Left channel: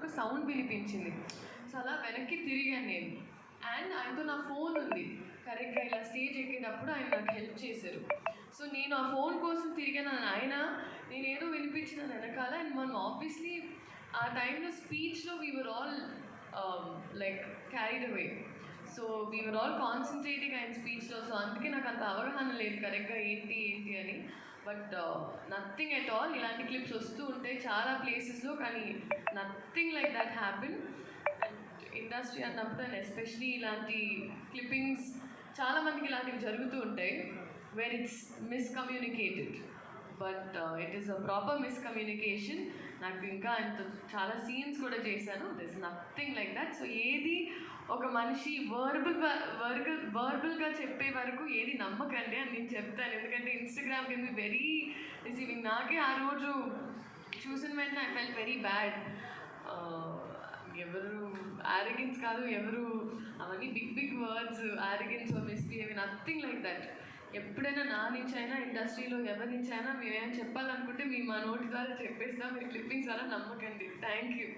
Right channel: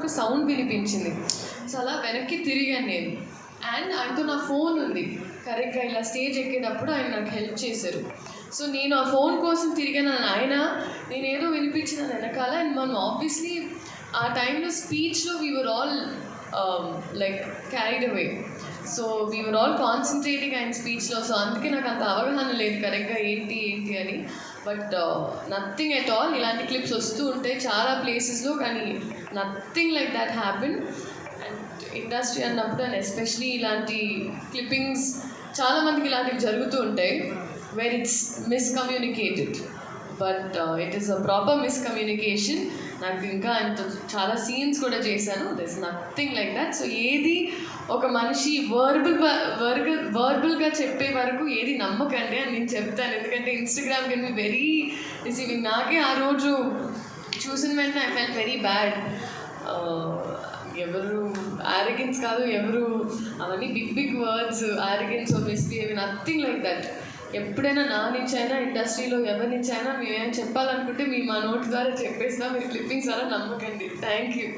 ఒక సౌండ్ వినిపించింది. సో అలా వెనక్కి తిరిగాను నేను. అండ్ ఆయనతో నా ఫోన్ ఉంది. కరెక్ట్గా ఇలా స్టేజ్ ఎక్కేటప్పుడు ఆయన నాకు హెల్ప్ చేశారు. సో నేను ఆ ఫోన్ కోసం తిరిగాను. ఆయన నేనేదో వినిపించిన వెనకాల. అండ్ మనం ఆబ్వియస్లీ ఆ టైంలో స్పీచ్లో we are all like carried away. So we are all concentrating ఆయన స్పీచ్లో. సో అందుకే నాకు అంత అవగాహన లేదు కరెక్ట్గా ఏంటి అని. But nothing at all. ఇలాంటి క్లిప్స్ వస్తూ ఉంటాయి చాలా ప్లేసెస్లో, కానీ nothing like that happen. And industry అన్నప్పుడు అండ్ ఎస్పెషలీ ఇలాంటి క్లిప్పింగ్స్ చాలామందికి ఇలాంటివి జరుగుతూ ఉంటాయి where it's miscommunicated. But it is a proper miscommunication. నాకు ఇంకా ఆయనతో చాలా సీన్స్ కూడా చేశాను. There is nothing like that. So ఏది ఒక మనిషి వర్బల్గా చెప్పే వరకు ఏది నమ్మకండి అని నేను చెప్తాను. ఎందుకంటే Instagram can be very receiving. నాకే ఆ రోజు చూసిన వెంటనే ఐ ఫెల్ట్ వెరీ బ్యాడ్. ఎవరు ఆరోగెన్స్ కాదు, ఎవరు అవన్నీ big words, arrogance or misbehave, nothing like that. ఎప్పుడైనా నా నుంచి అయినా ఇండస్ట్రీలో ఎవరి నుంచి అయినా మేమేమైనా చెప్పాలనుకుంటే మేము మా నోట్స్ ద్వారా చెప్పేసినా, మీరు క్లిప్పింగ్స్ ద్వారా నమ్మకండి. Thank you.